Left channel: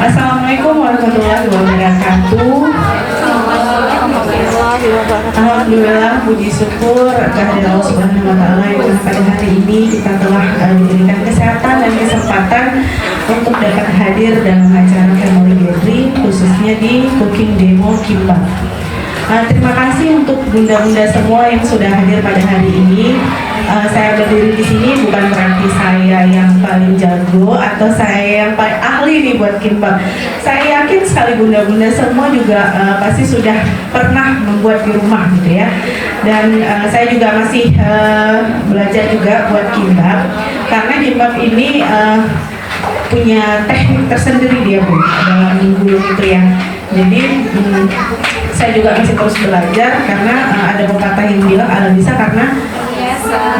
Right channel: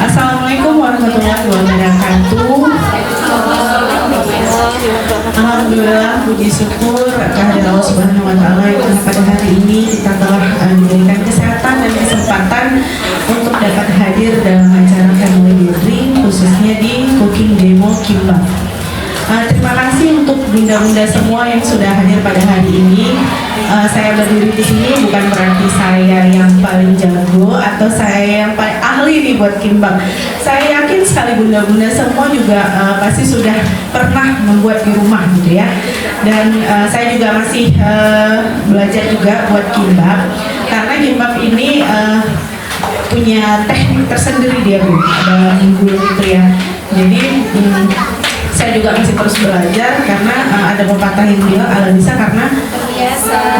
Assalamualaikum warahmatullahi wabarakatuh. Alhamdulillah, puji syukur kehadirat Allah Subhanahu wa Ta'ala yang pada hari ini kita telah diberikan kesehatan dan kesempatan untuk dapat hadir dalam acara Family Gathering, khususnya di Cooking Demo Kimbap. Terima kasih untuk bunda-bunda semua yang sudah hadir pada hari ini. Saya berdiri di sini bukan berarti saya yang paling jago atau saya yang paling ahli nih buat kimbap. Saya yakin sekali bunda-bunda semua juga pasti sudah pernah membuat di rumah gitu ya. Dan saya juga masih belajar juga buat kimbap, karena kimbap ini punya teknik tersendiri dia Bu, dalam minggu gitu ya. Jadi saya juga masih terus belajar, karena ada pepatah yang bilang ala bisa karena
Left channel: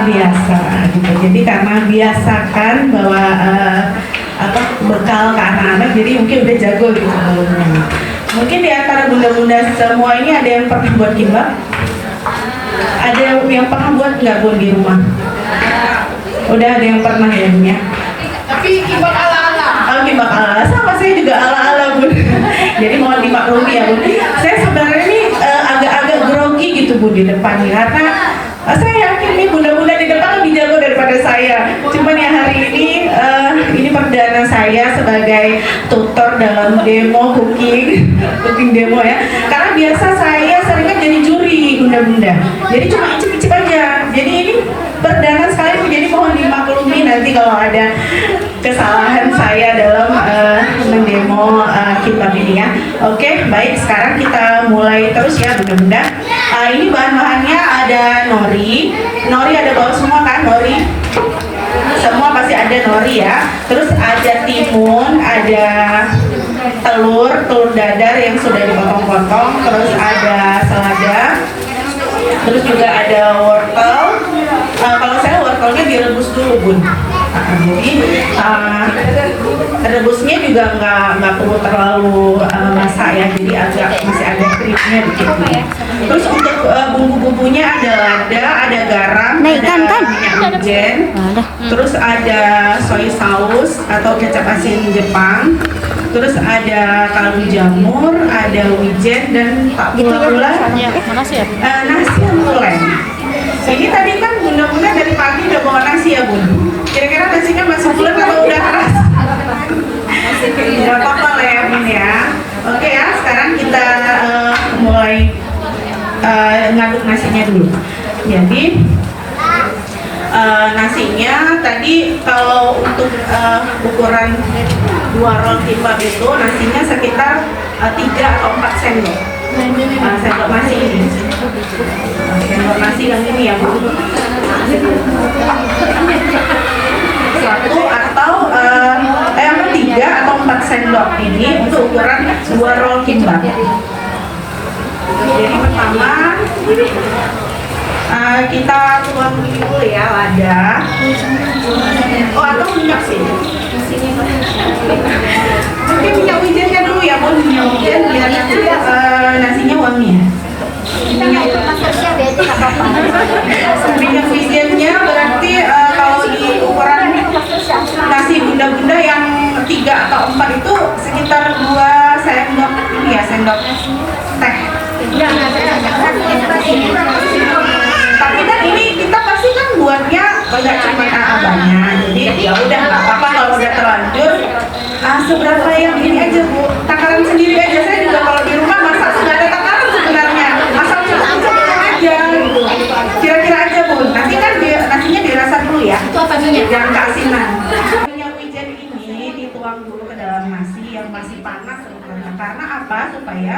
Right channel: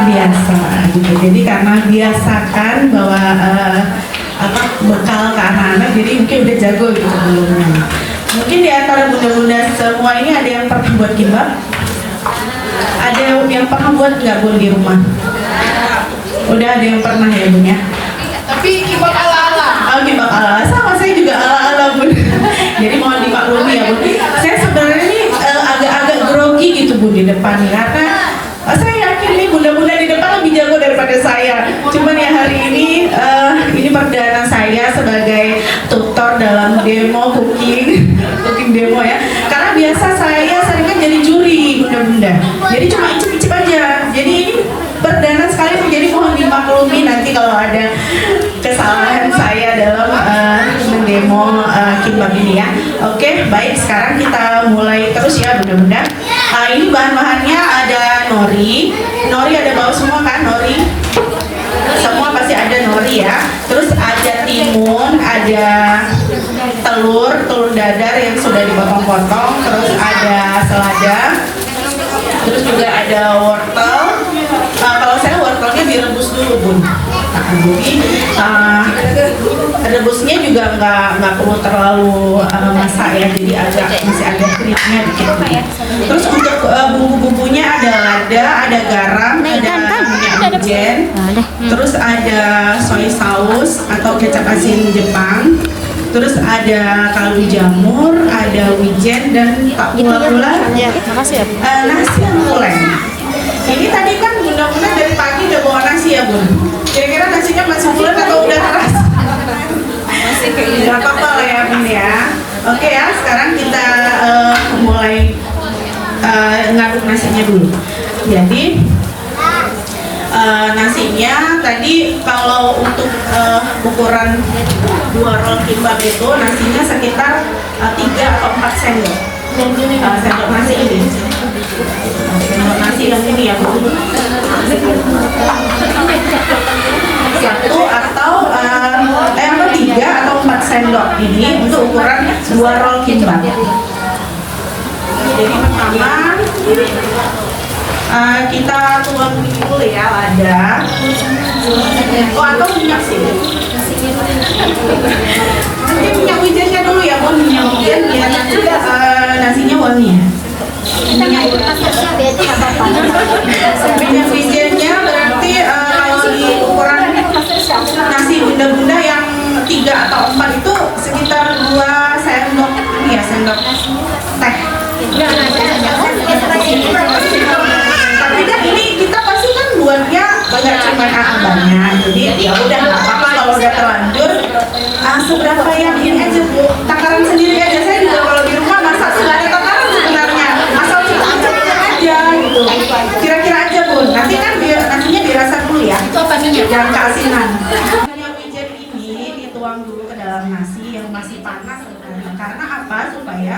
biasa gitu. Jadi karena biasakan bahwa bekal ke anak-anak, jadi mungkin udah jago gitu sebelumnya. Mungkin di antara bunda-bunda semua ini ada yang pernah buat kimbap? Ada yang pernah buat nggak Bun di rumah? Udah ada yang pernah ya Bun ya? Tapi kimbap ala-ala. Oh, kimbap ala-ala, sama saya juga ala-ala Bun. Jadi mohon dimaklumi ya Bun. Saya sebenarnya ini agak-agak grogi gitu Bun di depan, karena saya yakin nih bunda-bunda di depan lebih jago daripada saya. Cuman ya hari ini perdana saya sebagai tutor dalam demo cooking demo ya. Karena biasa saya seringnya jadi juri bunda-bunda. Jadi cuma icip-icip aja. Jadi ini perdana sekali, jadi mohon dimaklumi nanti kalau ada kesalahan saya dalam mendemo kimbap ini ya. Oke, baik, sekarang kita mulai terus ya bunda-bunda. Ini bahan-bahannya ada nori ada bawah semua kan, nori semua pasti ada nori ya. Terus ada timun, ada telur dadar yang sudah dipotong-potong, terus ada selada, terus juga ada wortel. Kalau saya wortelnya direbus dulu Bun. Jadi rebusnya juga nggak perlu terlalu masak ya, jadi masih ada kriuknya dikit. Terus untuk bumbu-bumbunya ada lada, ada garam, ada minyak wijen, terus ada soy sauce atau kecap asin Jepang, terus ada kaldu jamur, ada wijen, dan pula nasi yang muleng. Ini tadi kan bunda-bunda dari pagi udah bawa nasi ya Bun. Kira-kira nasinya masih bulat atau udah keras? Gak apa-apa lah ya Bun ya. Oke ya, sekarang kita mulai ngaduk nasinya dulu. Jadi nasinya tadi kalau untuk ukuran 2 roll kimbap itu nasinya sekitar 3 atau 4 sendok. Sendok nasi ini. Sendok nasi yang ini ya Bu. Satu atau yang 3 atau 4 sendok ini untuk ukuran 2 roll kimbap. Jadi pertama kita tuang dulu ya lada. Oh, atau minyak sih. Mungkin minyak wijennya dulu ya Bun, minyak wijen biar nasinya wangi ya. Minyak wijennya berarti kalau di ukuran nasi bunda-bunda yang 3 atau 4 itu sekitar 2 sendok ya, sendok teh. Tapi kan ini kita pasti kan buatnya nggak cuma banyak, jadi ya udah nggak apa-apa kalau udah terlanjur. Seberapa yang ini aja Bu, takaran sendiri aja. Saya juga kalau di rumah masak tuh nggak ada takaran sebenarnya, asal cocok aja gitu. Kira-kira aja Bu, nanti kan nasinya dirasa dulu ya, jangan keasinan. Minyak wijen ini dituang dulu ke dalam nasi yang masih panas sebenarnya. Karena apa? Supaya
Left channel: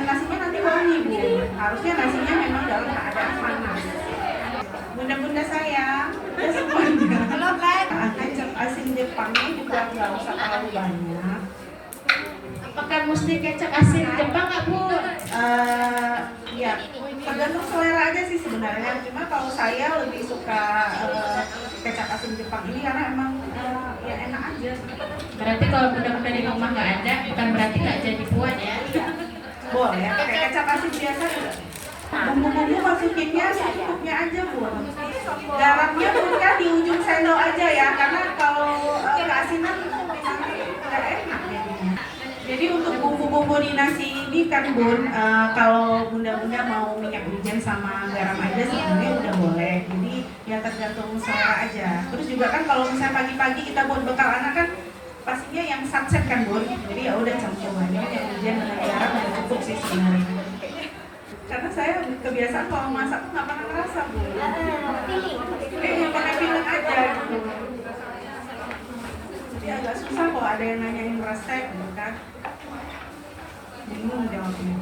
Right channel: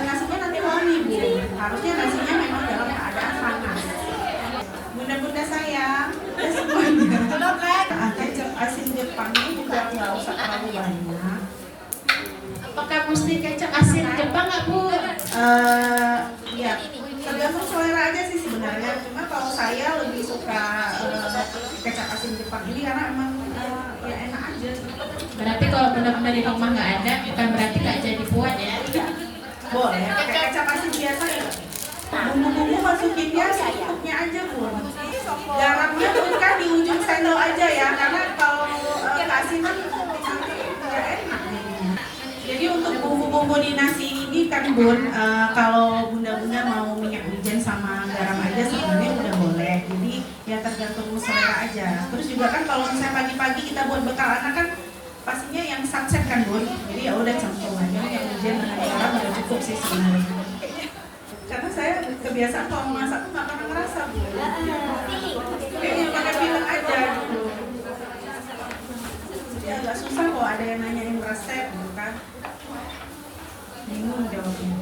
nasinya nanti wangi Bu. Harusnya nasinya memang dalam keadaan panas. Bunda-bunda sayang, semuanya. Kecap asin Jepang ini juga nggak usah terlalu banyak. Apakah mesti kecap asin Jepang nggak Bu? Ya, tergantung selera aja sih sebenarnya. Cuma kalau saya lebih suka kecap asin Jepang ini karena emang ya enak aja. Berarti kalau bunda-bunda di rumah nggak ada, bukan berarti nggak jadi buat ya? Boleh, pakai kecap asin biasa juga. Bumbu-bumbu masukinnya secukupnya aja Bu. Garamnya bukan di ujung sendok aja ya, karena kalau keasinan enak jadinya. Jadi untuk bumbu-bumbu di nasi ini kan Bun, kalau bunda-bunda mau minyak wijen sama garam aja sebenarnya udah boleh. Jadi ya tergantung selera aja. Terus juga kan kalau misalnya pagi-pagi kita buat bekal anak kan pastinya yang sunset kan Bun. Jadi ya udah campur aja minyak wijen dengan garam udah cukup sih sebenarnya. Karena saya kebiasaan kalau masak tuh nggak pernah ngerasa Bu. Yang pakai feeling aja gitu. Jadi agak susah kok ada yang nanyain resep gitu kan. Bingung jawabnya.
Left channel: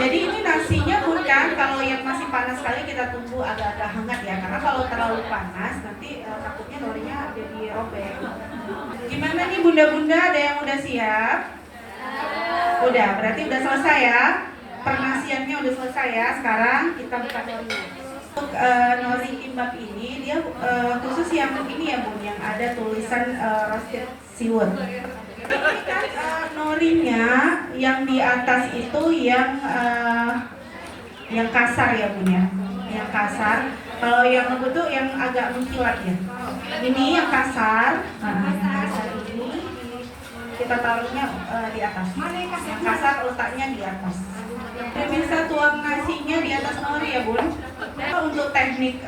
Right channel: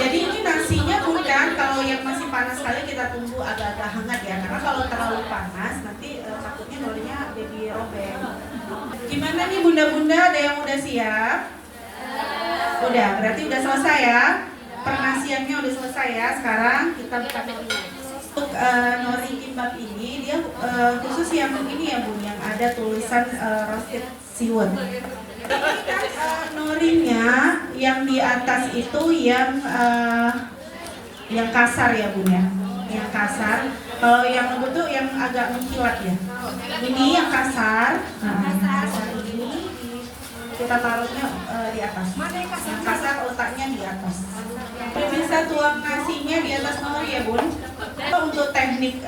Jadi ini nasinya bukan kalau yang masih panas sekali kita tunggu agak-agak hangat ya, karena kalau terlalu panas nanti takutnya norinya jadi robek. Gimana nih bunda-bunda, ada yang udah siap? Udah, berarti udah selesai ya. Pernasiannya udah selesai ya. Sekarang kita buka norinya. Untuk nori kimbap ini dia khusus yang ini ya Bun, yang ada tulisan roasted seaweed. Ini kan norinya yang di atas itu yang kasar ya Bun ya, yang kasar. Kalau yang lembut tuh yang agak mengkilat ya. Ini yang kasar, kasar ini kita taruhnya di atas. Yang kasar letaknya di atas. Bisa tuang nasinya di atas nori ya Bun. Untuk teknik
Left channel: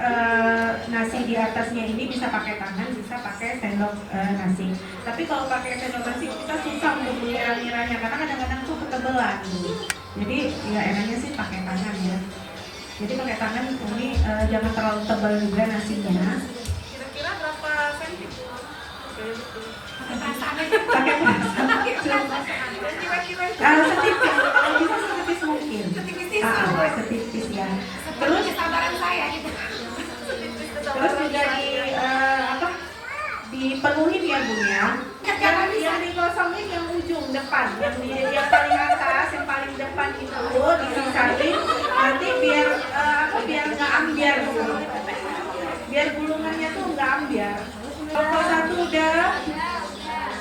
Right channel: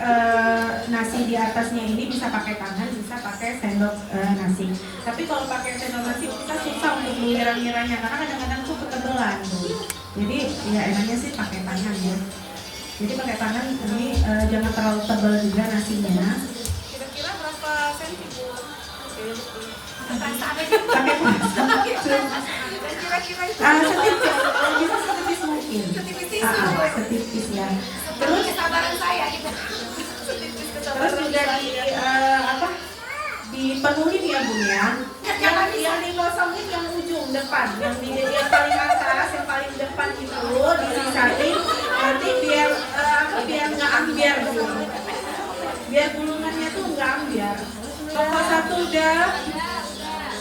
nasi di atasnya ini bisa pakai tangan, bisa pakai sendok nasi. Tapi kalau pakai sendok nasi kita susah untuk mengira-ngiranya karena kadang-kadang tuh ketebelan. Jadi ya enaknya sih pakai tangan ya. Jadi pakai tangan ini jangan terlalu tebal juga nasinya. Kira-kira berapa senti Bu? Pakai kira-kira kalau bisa setipis mungkin. Setipis ya. Terus kesabaran saya gitu. Terus juga dipenuhin ya Bun ya. Yang dikosongin yang ujung depan, yang paling atas, yang paling depan itu disisain nanti biar biar nggak ambiar gitu. Biar gulungannya tuh nggak ambiar. Kelompok 1 udah,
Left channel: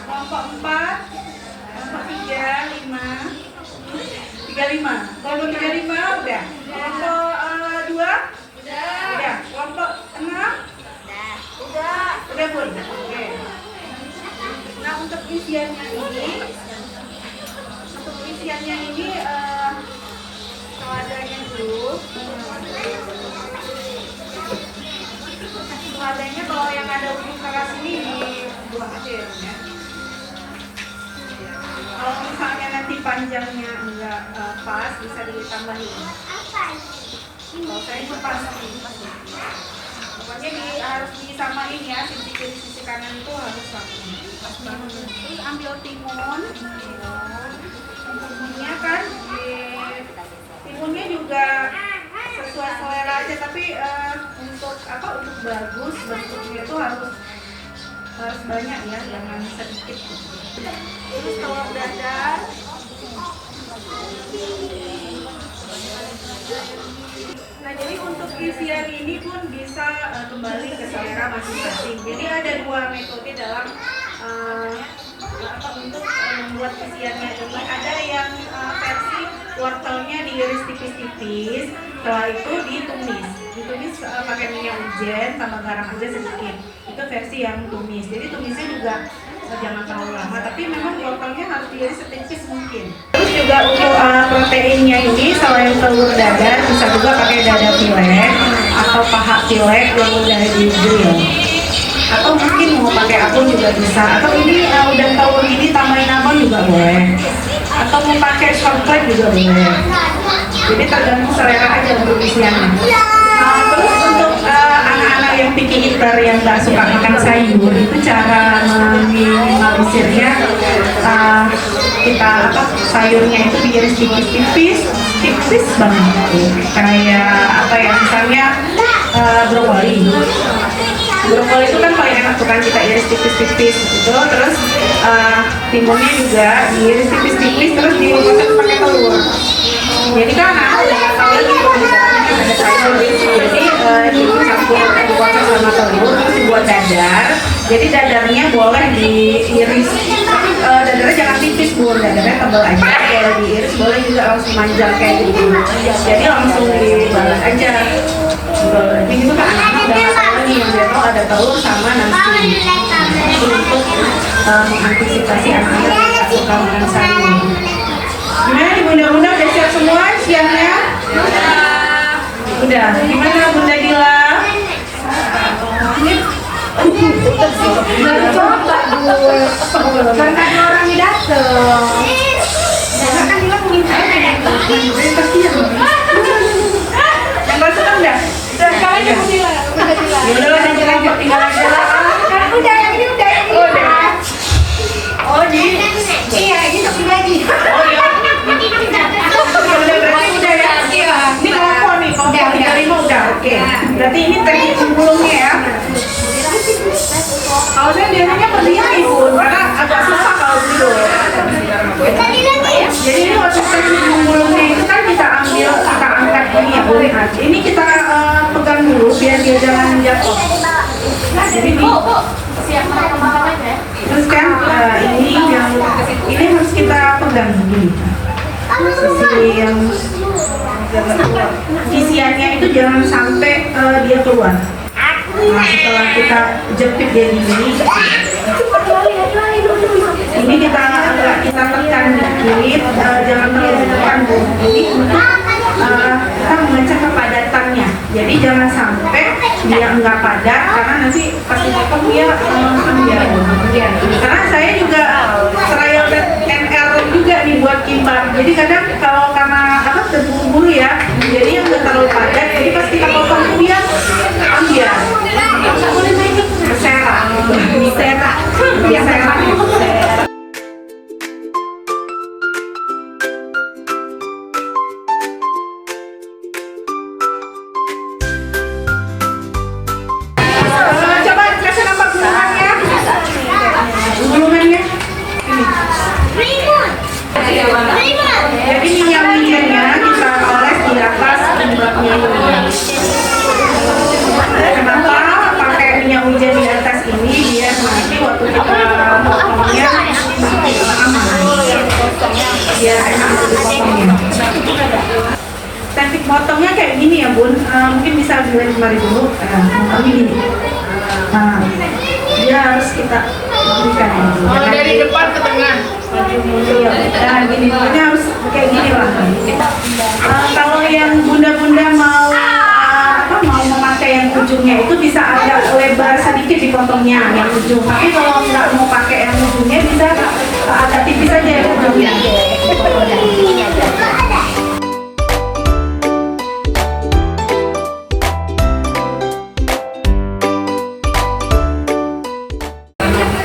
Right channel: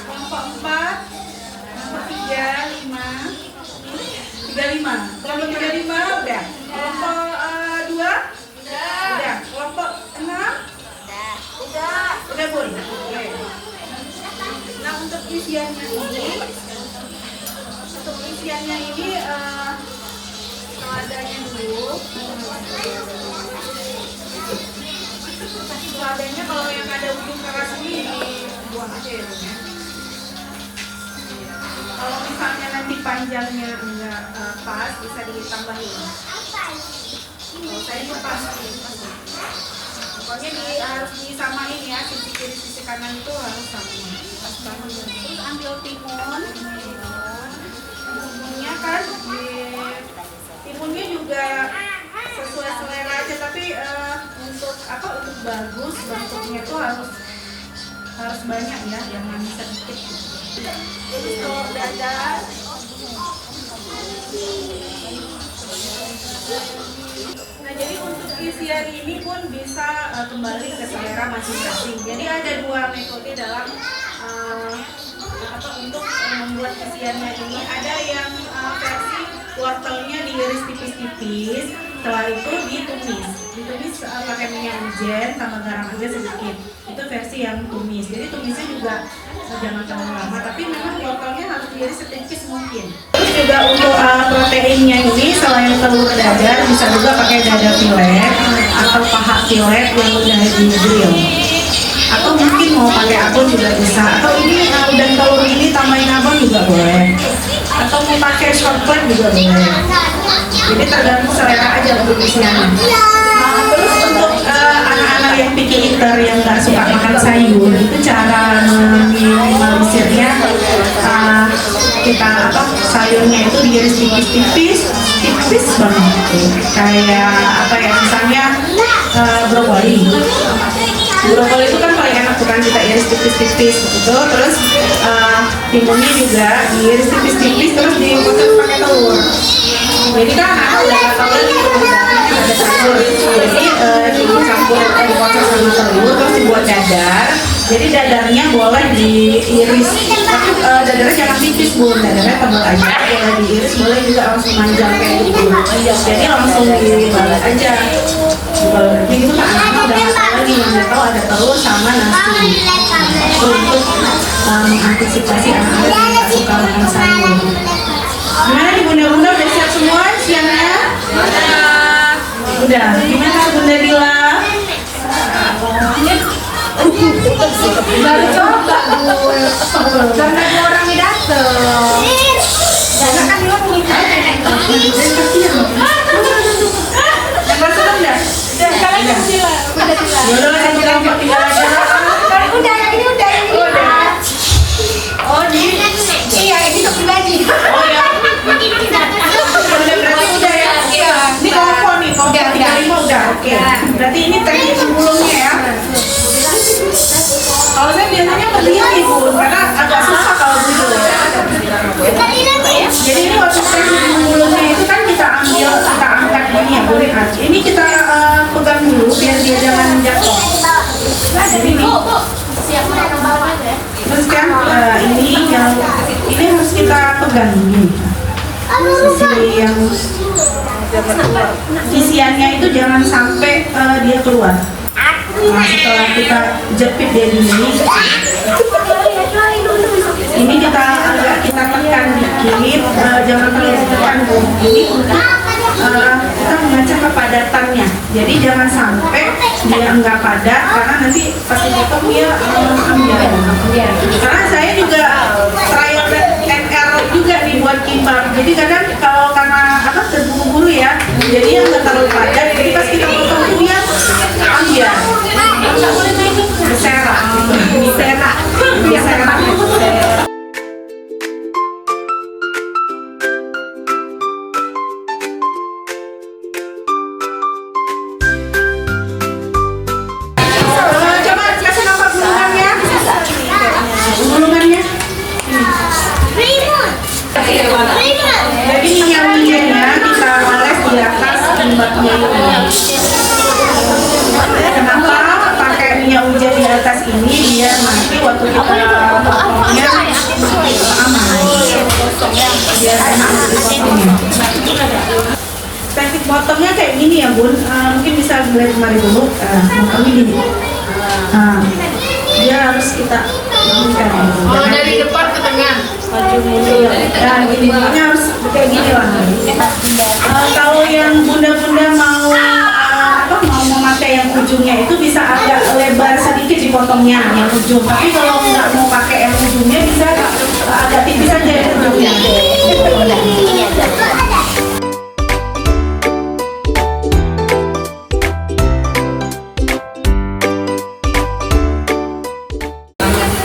kelompok 4, kelompok 3, 5, 35. Kelompok 35 udah. Kelompok 2 udah. Kelompok 6 udah Bun. Oke. Nah untuk isiannya ini seladanya dulu. Seladanya kalau yang ada ujung keras ini dibuang aja ya Bun ya. Kalau misalnya nanti panjangnya enggak pas bisa ditambahin. Kalau saya itu pas. Pokoknya harus disamain ya, sisi kiri sisi kanan itu harus sama. Terus ambil timun. Timunnya kan timunnya juga sesuai selera aja, tapi untuk bagus bentuknya itu harus banyak ya, jangan sedikit. Terus telur dadar. Nah jadi untuk isian ini pun bisa kembali ke selera masing-masing. Jadi ada 2 metode dalam untuk membuat isiannya ini. Ada yang versi wortelnya diiris tipis-tipis, setelah itu ditumis pakai minyak wijen sama garam aja sedikit. Itu versi yang tumis. Jadi tumisnya juga jangan terlalu lama, tapi memang wortelnya harus diiris setipis mungkin. Terus juga untuk proteinnya ini selain telur dadar bisa juga pakai dada fillet atau paha fillet yang udah di grill. Atau mungkin mau pakai abon juga bisa. Atau ini udah telur ini tambahin abon juga boleh. Atau mau pakai shortbread juga boleh. Jadi tergantung selera aja untuk isiannya. Terus untuk anak-anak yang picky eater yang nggak suka makan sayur, itu cara meminimalisirnya sayurnya itu diiris tipis banget gitu. Kayak misalnya brokoli. Brokoli itu kan paling enak bukan kita iris tipis-tipis gitu. Terus timunnya juga diiris tipis-tipis terus dipotong pakai telur. Jadi kan anak udah nggak tahu lagi ada sayur. Jadi dicampur dipotong sama telur terus dibuat dadar. Jadi dadarnya boleh diiris, tapi dadarnya jangan tipis Bun, dadarnya tebal aja. Boleh diiris, boleh juga langsung manjang kayak gitu. Jadi langsung dibalas aja. Kalau daging itu kan anak-anak udah nggak tahu lagi, yang dia tahu ada telur sama nasi. Itu untuk mengantisipasi anak-anak yang nggak suka makan sayur. Gimana nih bunda-bunda, udah siap semua siangnya? Udah. Gimana Bunda Dila? Baru coba dulu. Kan ada orang yang dateng. Karena kan Dila minta. Yang baru seneng dah? Sekarang yang Dila. Yaudah lah, sama tinggal aja. Udah, ini udah. Udah. Oh, di? Iya, ini tapi lagi. Oh ya. Ya udah, berarti udah ya? Iya. Ini kelompok nih, kelompok 35 udah, oke. Berarti ini teknik menggulungnya ya? Kalau saya biasanya berdiri Bun, karena agak susah kalau dulu. Jadi ini waktu teknik menggulungnya itu kan kita ambil, kita angkat ini ya Bun. Ini kita pegang dulu biar dia jangan jatuh. Jadi ini. Siap makan aja. Terus kan ini harus kita pegang ini. Sisi yang isiannya itu jangan sampai dia keluar. Nah, setelah kita jepit dia di ini kita agak kita tekan dikit, jangan terlalu tekan Bu. Ini untuk kita memecah kepadatannya. Jadi jangan sampai dia enggak padat, karena nanti pas dipotong dia ambiar. Karena saya juga trial and error juga nih buat kimbap. Jadi kadang kalau karena apa terburu-buru ya, jadi yang enggak terlalu padat. Jadi pas kita potong itu dia ambiar. Berserak. Berserak. Coba kasih nampak gulungannya. Gulungannya. Jadi minyak-minyaknya kita oles di atas kimbapnya ini. Kenapa pakai minyak hujan di atas ini? Biar nanti waktu kita potongnya aman. Biar enak untuk dipotongnya. Teknik potongnya kayak gini ya Bun. Mungkin bisa dilihat kemari dulu. Potongnya gini. Dia harus kita berikan. Oh, dari depan ke tengah. Maju mundur. Nah, gini, pokoknya harus kayak gini lah. Kalau yang bunda-bunda mau mau memakai yang ujungnya itu bisa agak lebar sedikit dipotongnya yang ujung. Tapi kalau nggak mau pakai yang ujungnya bisa agak tipis aja yang ujungnya.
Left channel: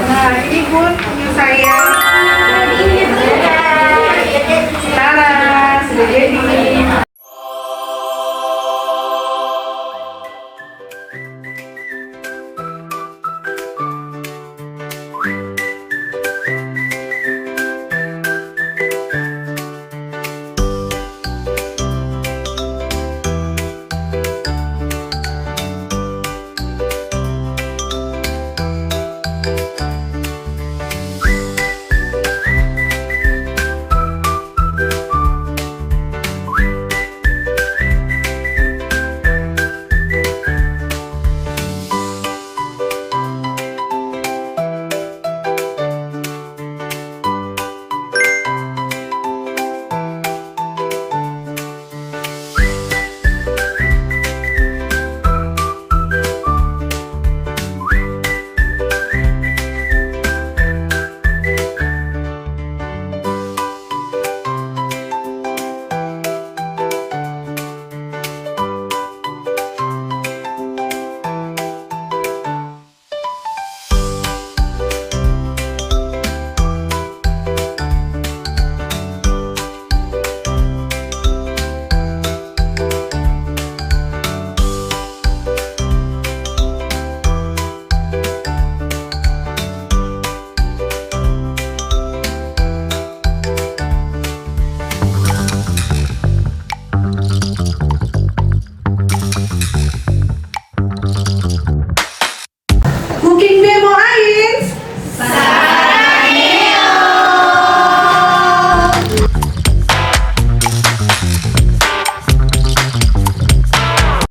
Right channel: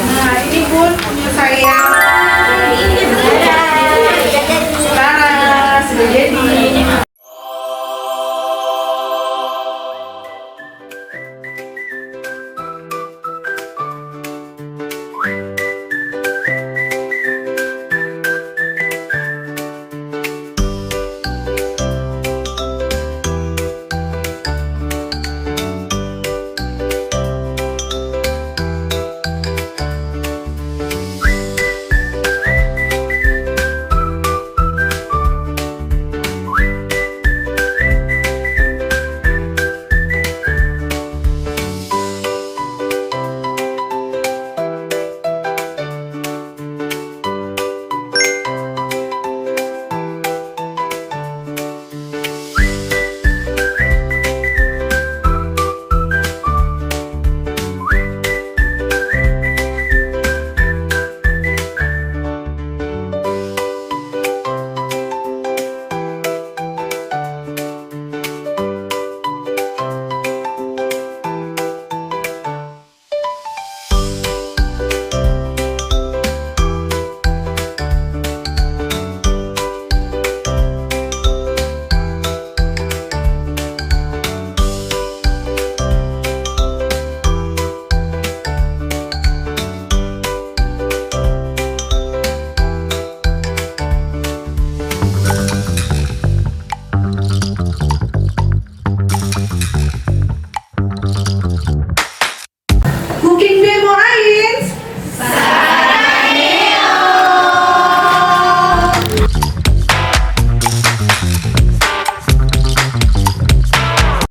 Nah, ini Bun punya saya.